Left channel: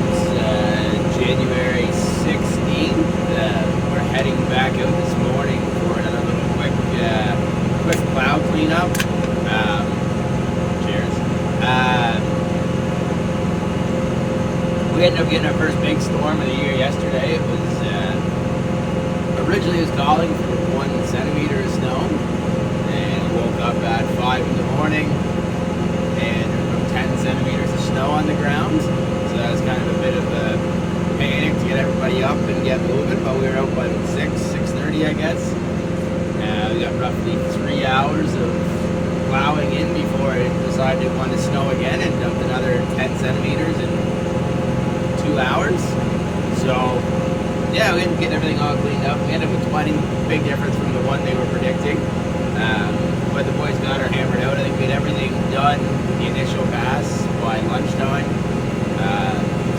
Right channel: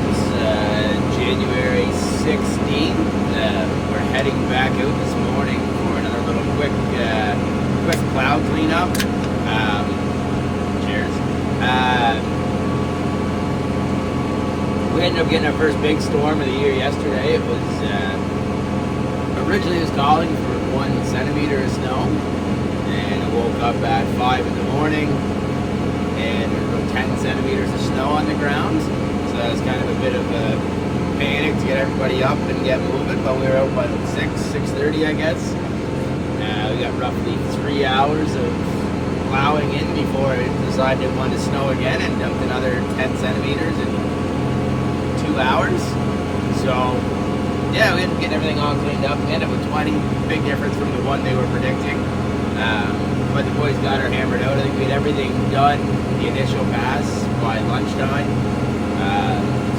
out, January 16th. We're heading back out this morning for another little quick plow cleanup. Cheers. We ended up getting our first big storm of the year yesterday. It was originally it was calling for 1 centimeter of snow, and I woke up at 5 in the morning, and there was about 10 centimeters of snow on the ground. So that was kind of a bit of a panic to get everybody up and get moving. But we were out by 6:30, I guess. We got roughly 3 hours of plowing in before it decided it wanted to snow again, and dumped another 10 centimeters in 2 hours. So yeah, we ended up getting everything all cleaned up. We ended up with 20, big difference from the one they were predicting. But the boys got her hammered out. I think we had everything done, the initial pass, by lunchtime.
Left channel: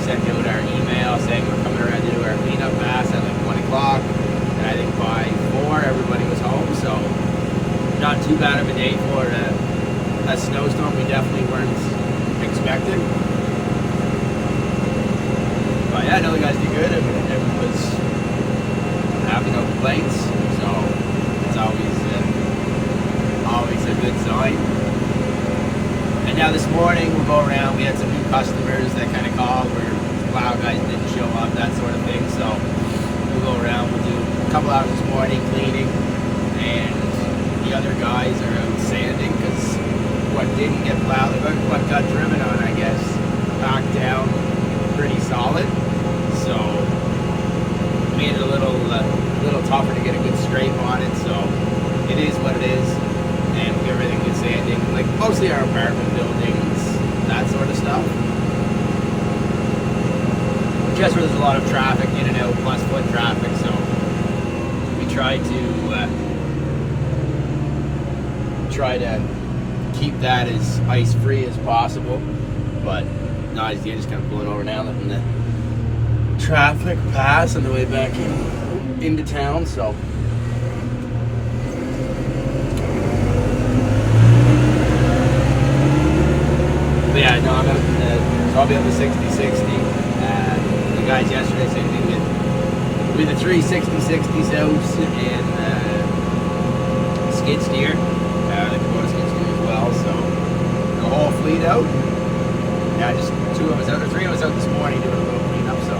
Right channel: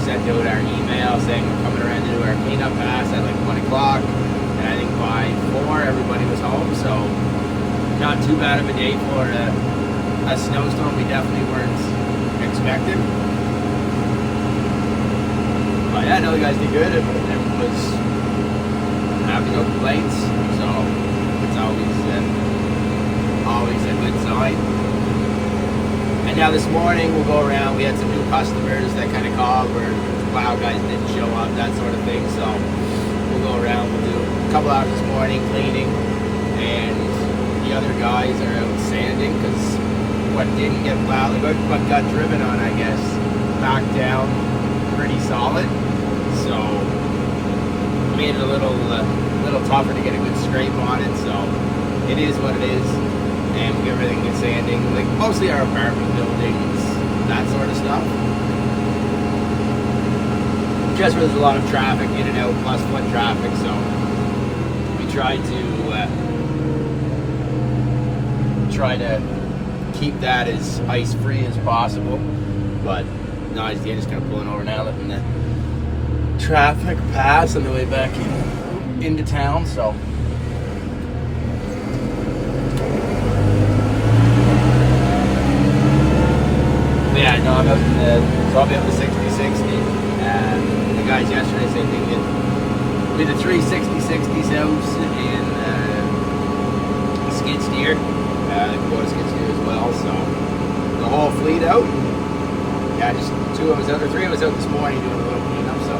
Sent out our email saying we're coming around to do our cleanup pass at like 1 o'clock. And I think by 4, everybody was home. So not too bad of a day for a snowstorm we definitely weren't expecting. But yeah, no, the guys did good. Everyone was happy, no complaints. So it's always a good sign. And now this morning we'll go around. We had some new customers that kind of called where plow guys didn't show up, that sort of thing. So we'll go around. We'll do a couple hours this morning cleaning, and the other guys are out sanding because what didn't get plowed, what got driven on, I guess, packed down pretty solid. So made it a little tougher to get a good scrape on it. So it is what it is. And we get everything good sanding, like mostly our apartment buildings, that sort of stuff. Just where there's a lot of traffic in and out, plus foot traffic, so we try to keep that as ice free as possible. But no, you're just kind of pulling over now, letting the traffic pass on the way back into town. So. Yeah, no, I'm out probably up to 60-60. The guys yesterday, same thing. We had the 3 60-60s out, and skid steer, the Kubota skid steer as well. So the whole fleet out. Yeah, just 2 of us out, or 3 of us out this morning doing a little cleanup. So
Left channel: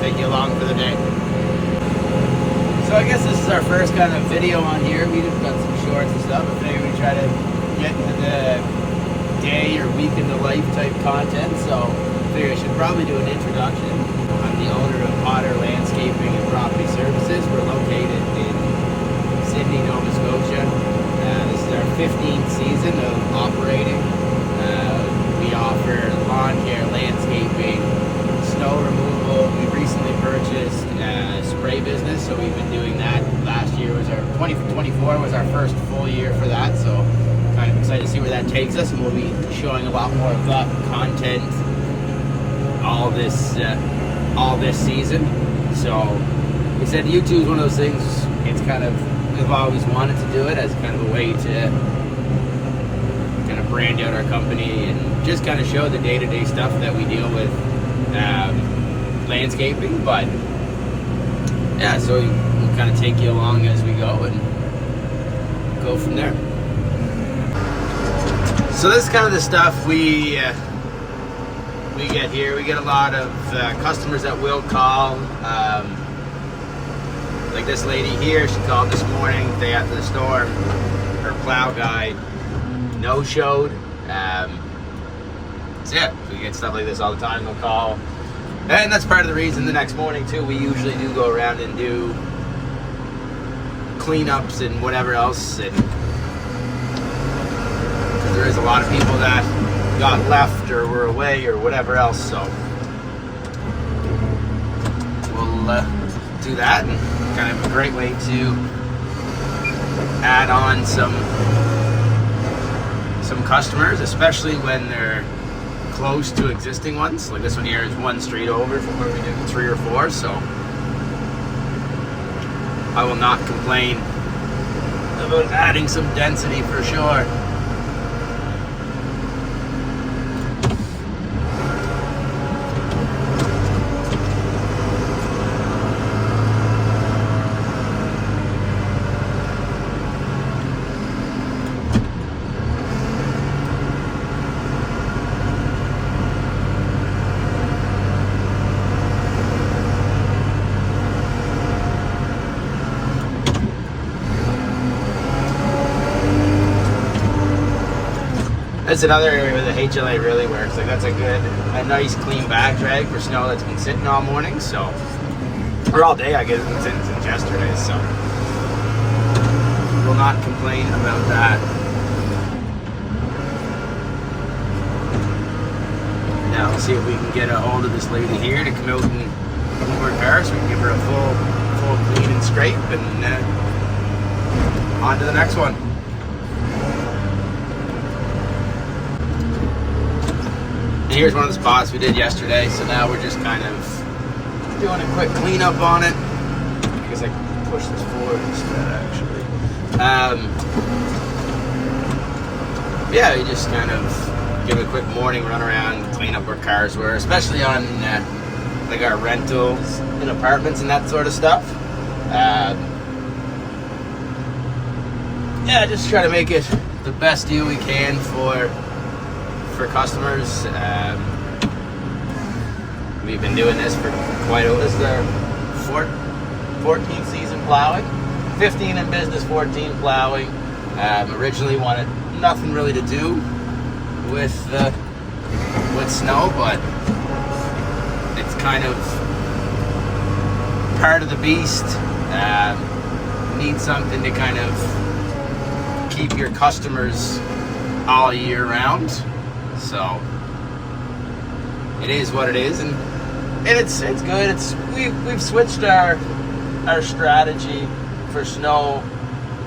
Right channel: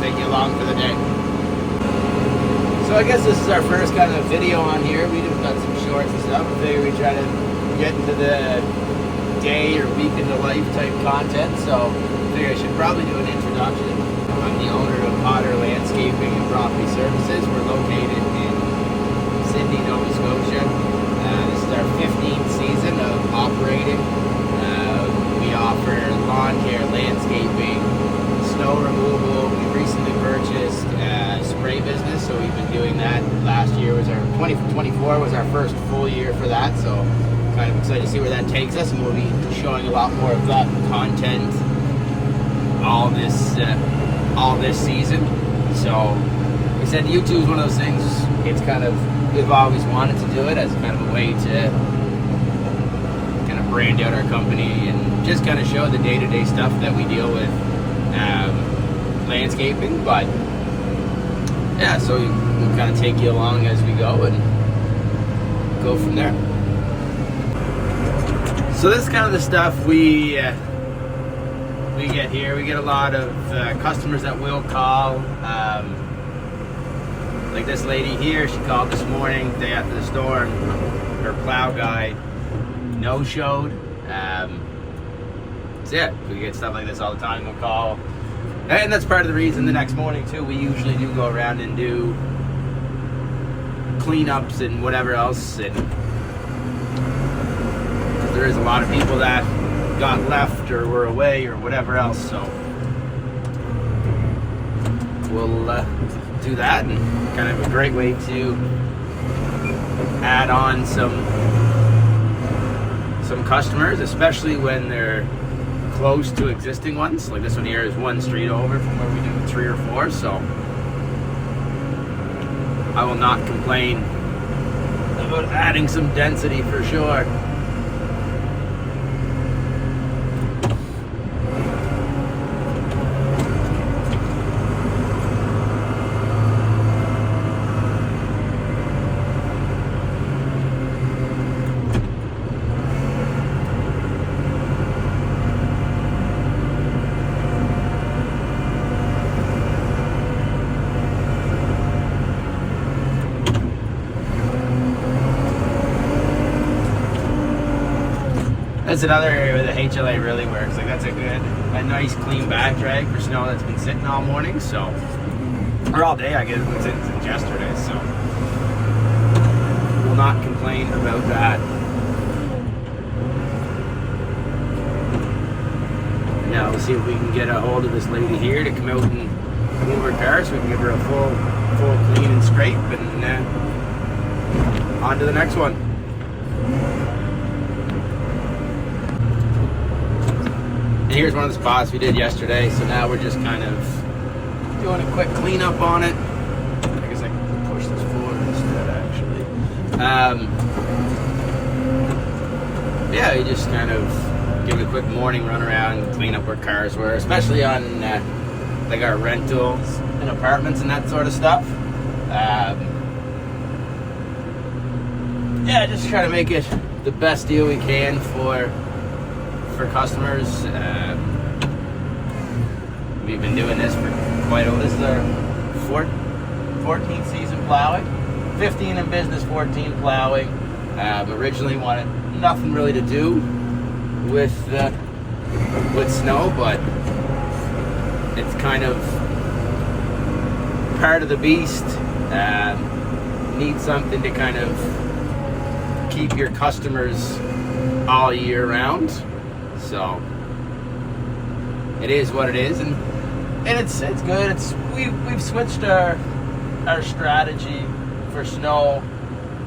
take you along for the day. So I guess this is our first kind of video on here. We just got some shorts and stuff. I figured we'd try to get into the day or week in the life type content, so I figure I should probably do an introduction. I'm the owner of Potter Landscaping and Property Services. We're located in Sydney, Nova Scotia. This is our 15th season of operating. We offer lawn care, landscaping, snow removal. We recently purchased a spray business, so we've been doing that. Last year was our 2024 was our first full year for that, so kind of excited to see where that takes us, and we'll be showing a lot more of that content all this season. So like I said, YouTube is one of those things. It's kind of, we've always wanted to do it as kind of a way to kind of brand out our company and just kind of show the day-to-day stuff that we deal with landscaping. But yeah, so we'll kind of take you along as we go and go from there. So this is kind of the stuff we get here. We get a lot of customers that will call. Like this lady here, she called this morning, day after the storm. Her plow guy no-showed. So yeah, we get stuff like this all the time. They'll call. And that's part of the reason the next morning too, we usually do go around and do cleanups and whatever else, and there is a lot of people that got left or were away or whatever else, so we'll do that, and kind of a great way to add on some customers, especially when they're close to existing ones. Like this one here is 1 street over from where we did the 3 or 4, so I will not complain about adding some density for sure. That's another area where the HLA really works. Like that's a nice clean back drag for snow that's been sitting all morning, so, or all day I guess since yesterday, so will not complain about that. Now we'll see if we can get a hold of this lady here to come out and move her car so we can give her a full clean and scrape, and on to the next one. And here's one of the spots we did yesterday, so now we're just kind of doing a quick cleanup on it. I guess I can push this forward instead, actually. Yeah, you just kind of give it a quick morning run around, clean up where cars were, especially on like our rentals in apartments and that sort of stuff. Yeah, just try to make it the best deal we can for customers. We've been doing this for quite a while. This is our 14th season plowing, 15 in business, 14 plowing. Originally wanted nothing really to do with snow, but it's kind of part of the beast. Need something to kind of keep your customers all year round. So it is what it is, and it's good. We've switched our strategy for snow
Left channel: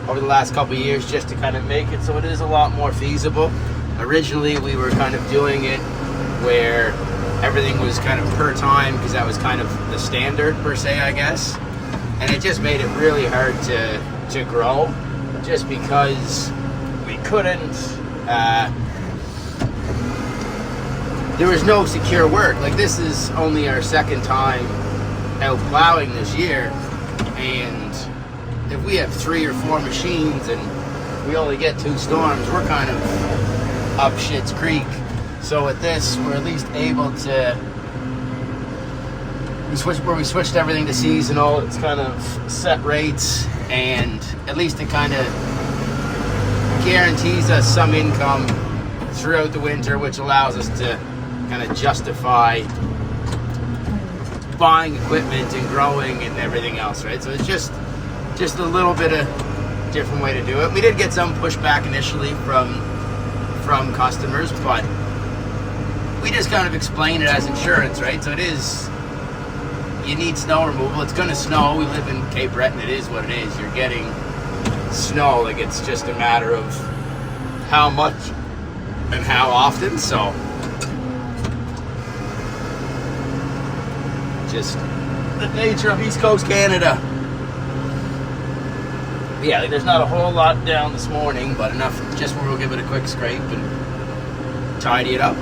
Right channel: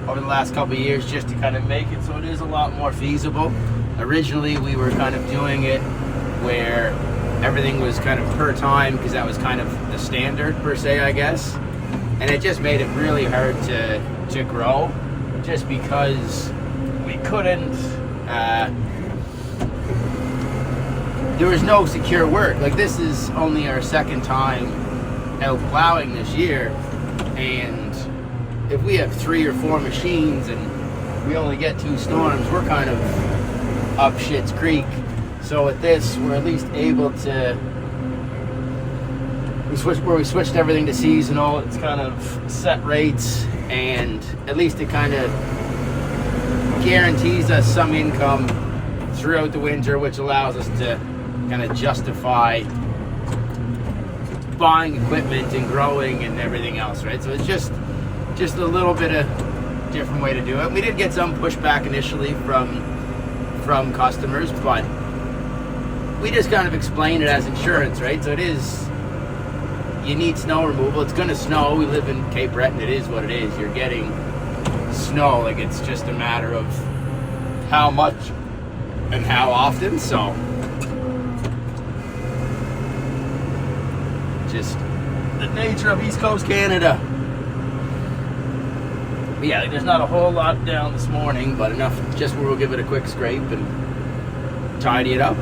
over the last couple of years just to kind of make it so it is a lot more feasible. Originally we were kind of doing it where everything was kind of per time, because that was kind of the standard per se, I guess, and it just made it really hard to grow, just because we couldn't there was no secure work. Like, this is only our second time out plowing this year, and if we have 3 or 4 machines and we only get 2 storms, we're kind of up shit's creek. So with this, we're at least able to, we switched everything to seasonal. It's kind of set rates, and at least it kind of guarantees us some income throughout the winter, which allows us to kind of justify buying equipment and growing and everything else, right? So it's just a little bit of different way to do it. We did get some pushback initially from customers, but we just kind of explain it as insurance, right? So it is, you need snow removal. It's going to snow. We live in Cape Breton. It is what it is. You're getting snow. Like, it's just a matter of how much and how often. So just the nature of East Coast Canada. But yeah, like, there's not a whole lot down this morning, but enough just where we'll give it a quick scrape and tidy it up,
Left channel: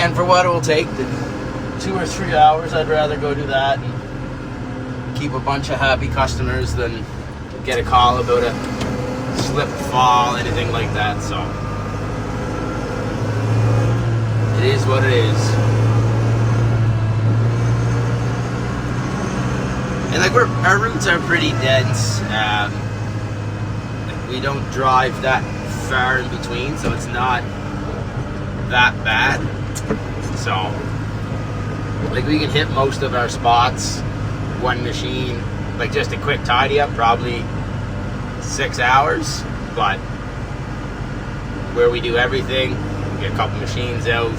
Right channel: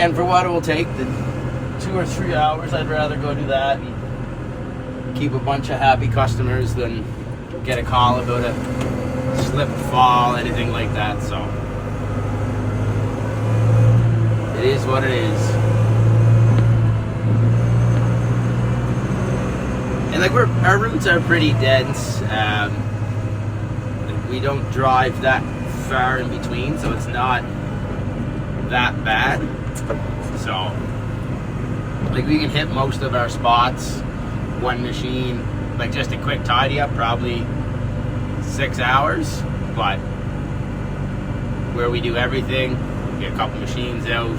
and for what it will take, the 2 or 3 hours, I'd rather go do that and keep a bunch of happy customers than get a call about a slip, fall, anything like that. So it is what it is. And like, our routes are pretty dense. Like, we don't drive that far in between, so it's not that bad. So like, we can hit most of our spots, one machine, like just a quick tidy up, probably 6 hours. But where we do everything, get a couple machines out,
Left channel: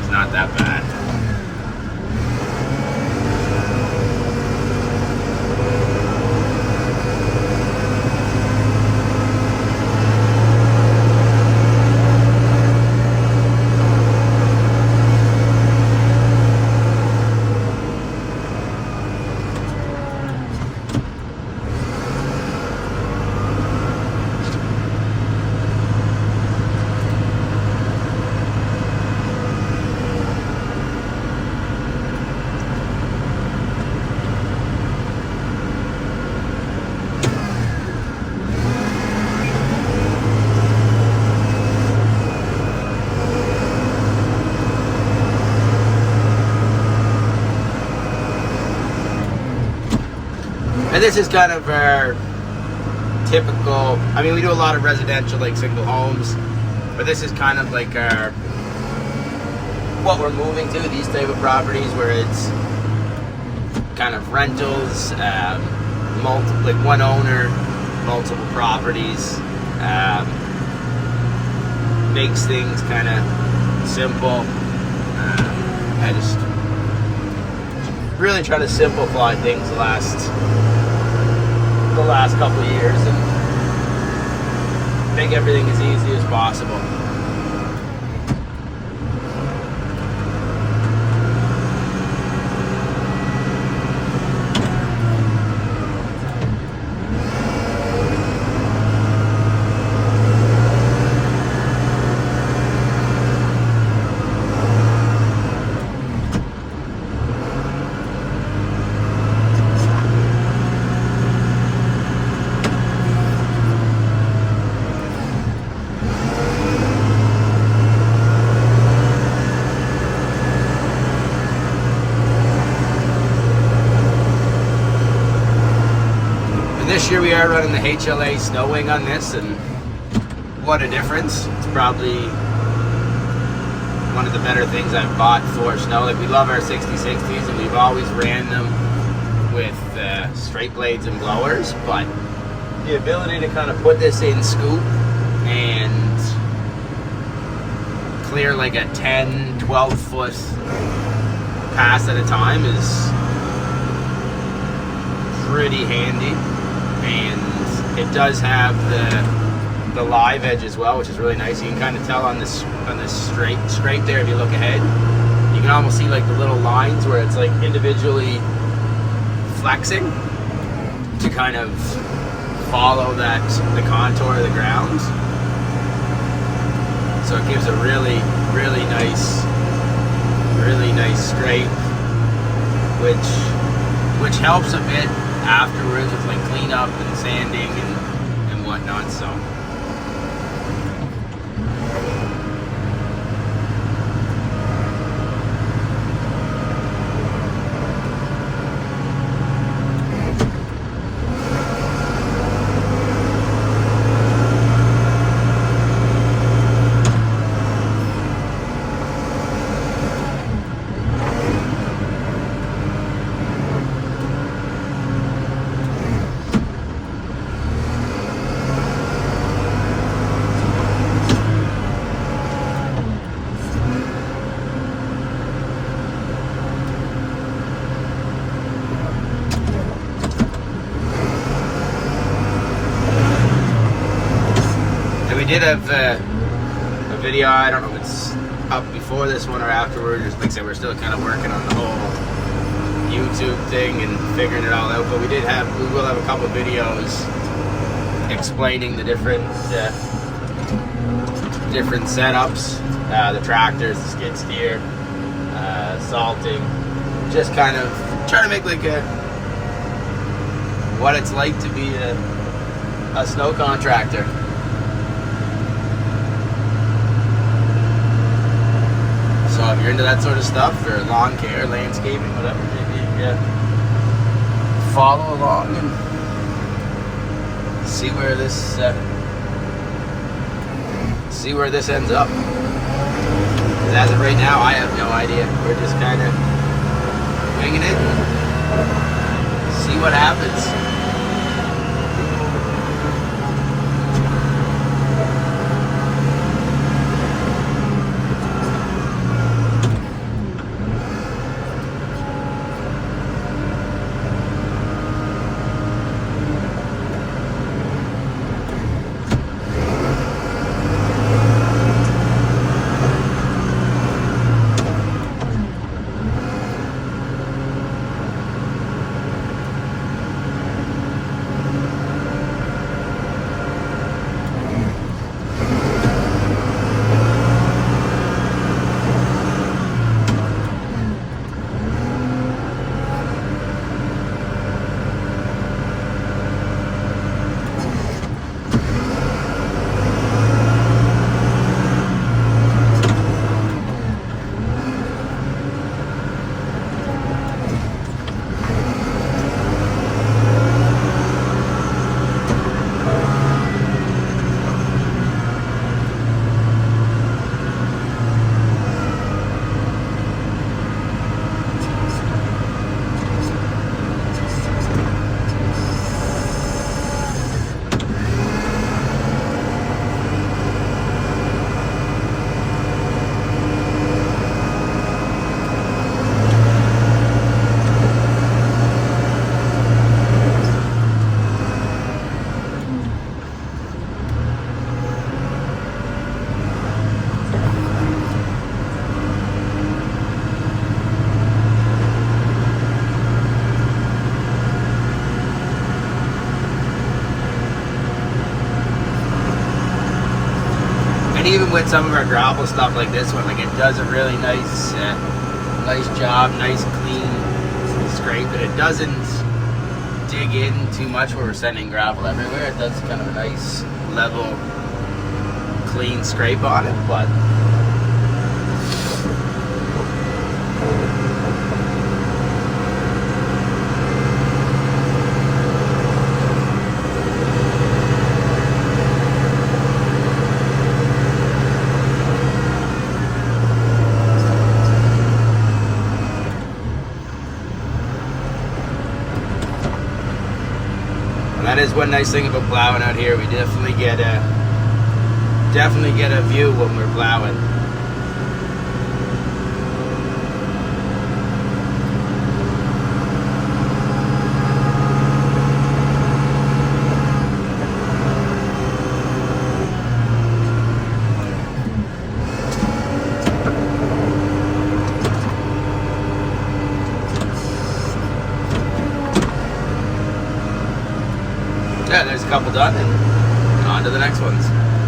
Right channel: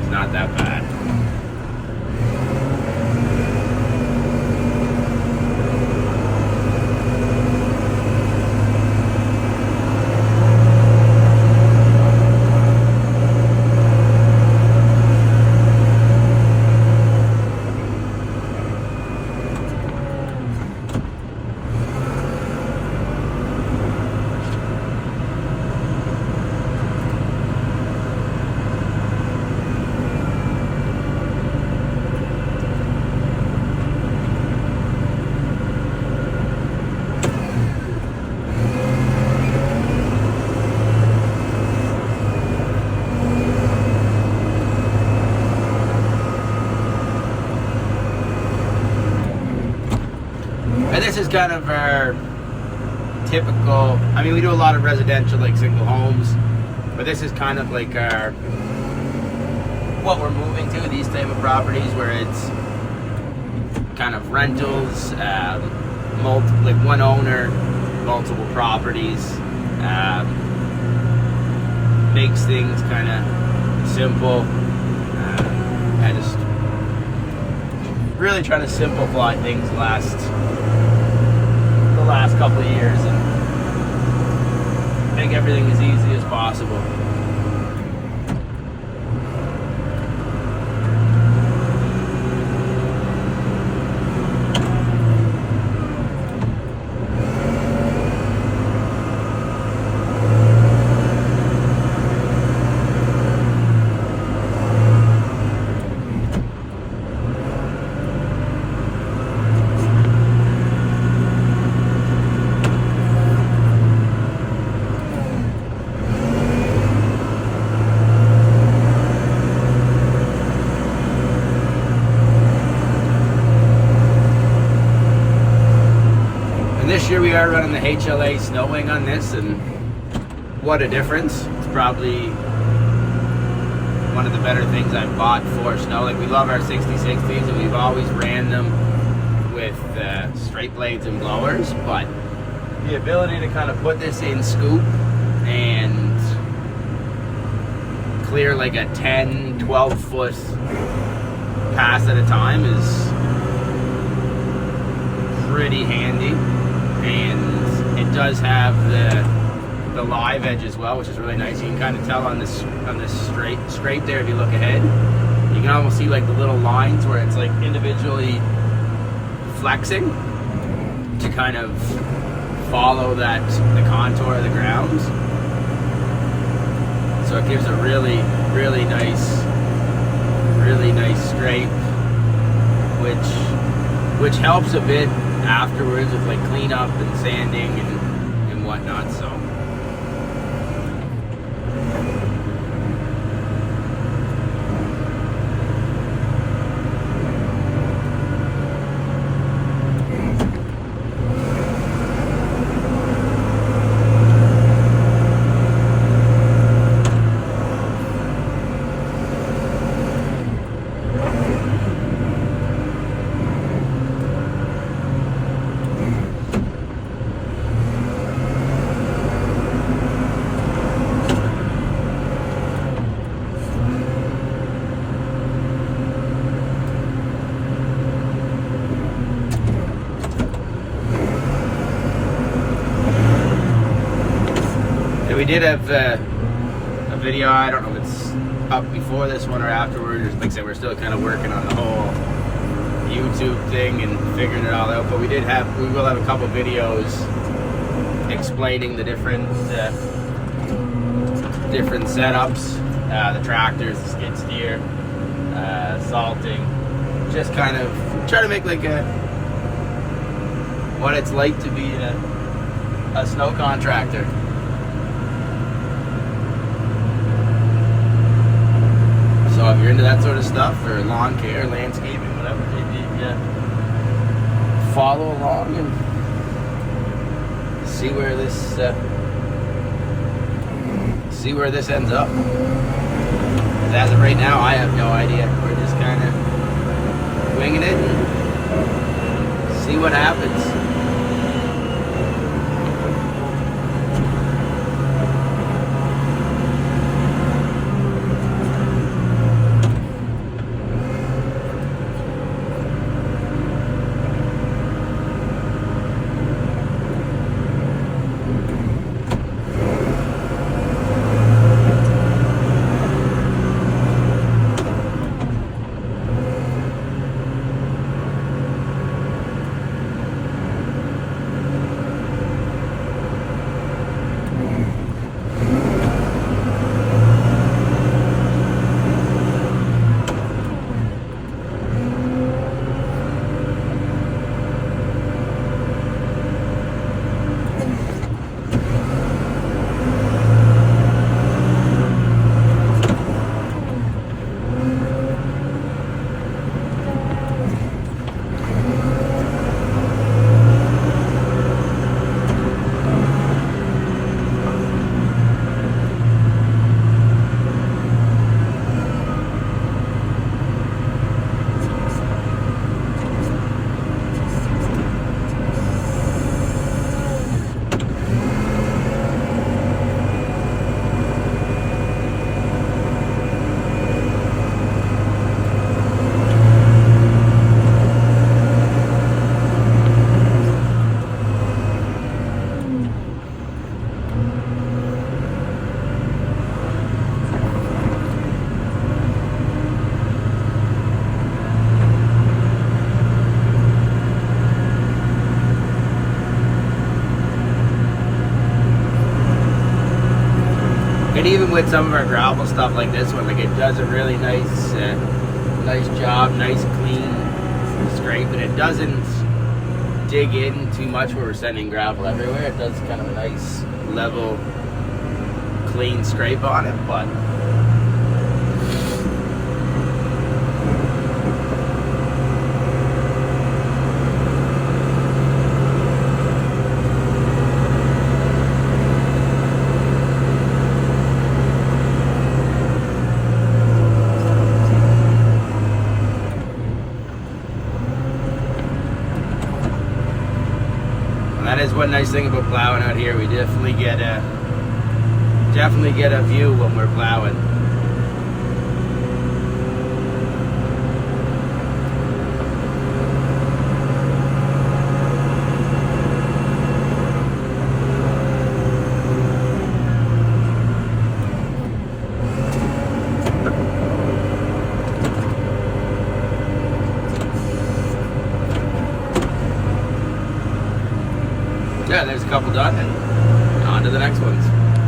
it's not that bad. And this is kind of our typical, I mean, we do a lot of residential, like single homes, but this is kind of like our, what we're moving to, these type of properties where it's kind of rentals, like one owner, multiple properties, makes things kind of simple. I just really try to simplify things the last couple of years and make everything as easy as possible. This year we are running the HLA snow wing on this, and what a difference. It's probably one of the better things I've bought for snow. Like, we love our 6060s and we've always ran them with straight blades and blowers, but the ability to kind of put this in scoop and clear like a 10-12 foot pass at a time is pretty handy. And it does have the live edge as well, which is really nice. You can kind of tell on this scrape there, if you look ahead, you can almost see like the little lines where it's like individually flexing to kind of follow the contour of the ground. So it gives a really nice scrape, which helps a bit afterwards with like cleanup and sanding and whatnot. So we did have a video, I don't know if it's up before this one or afterwards. Like I said, we're still kind of working on the whole YouTube thing and figuring it all out, but we will have a couple videos explaining the different setups, the tractors, the skid steer, salting, just kind of trying to make like what it's like to be a snow contractor. So if you're into that sort of stuff, or lawn care, landscaping, whatever it may be, yeah, follow along and see where this ends up. 'Cause as of right now, I have no idea. We're just kind of winging it and see what happens. And even with some of our gravel stuff like this one, like it does a really nice job, nice clean scrape, and it doesn't dig in too much where we're sending gravel everywhere. It does kind of nice, level, clean scrape on it, but that is one nice thing about plowing out here. We definitely get a view when we're plowing. Yeah, there's a couple done, and on to the next ones.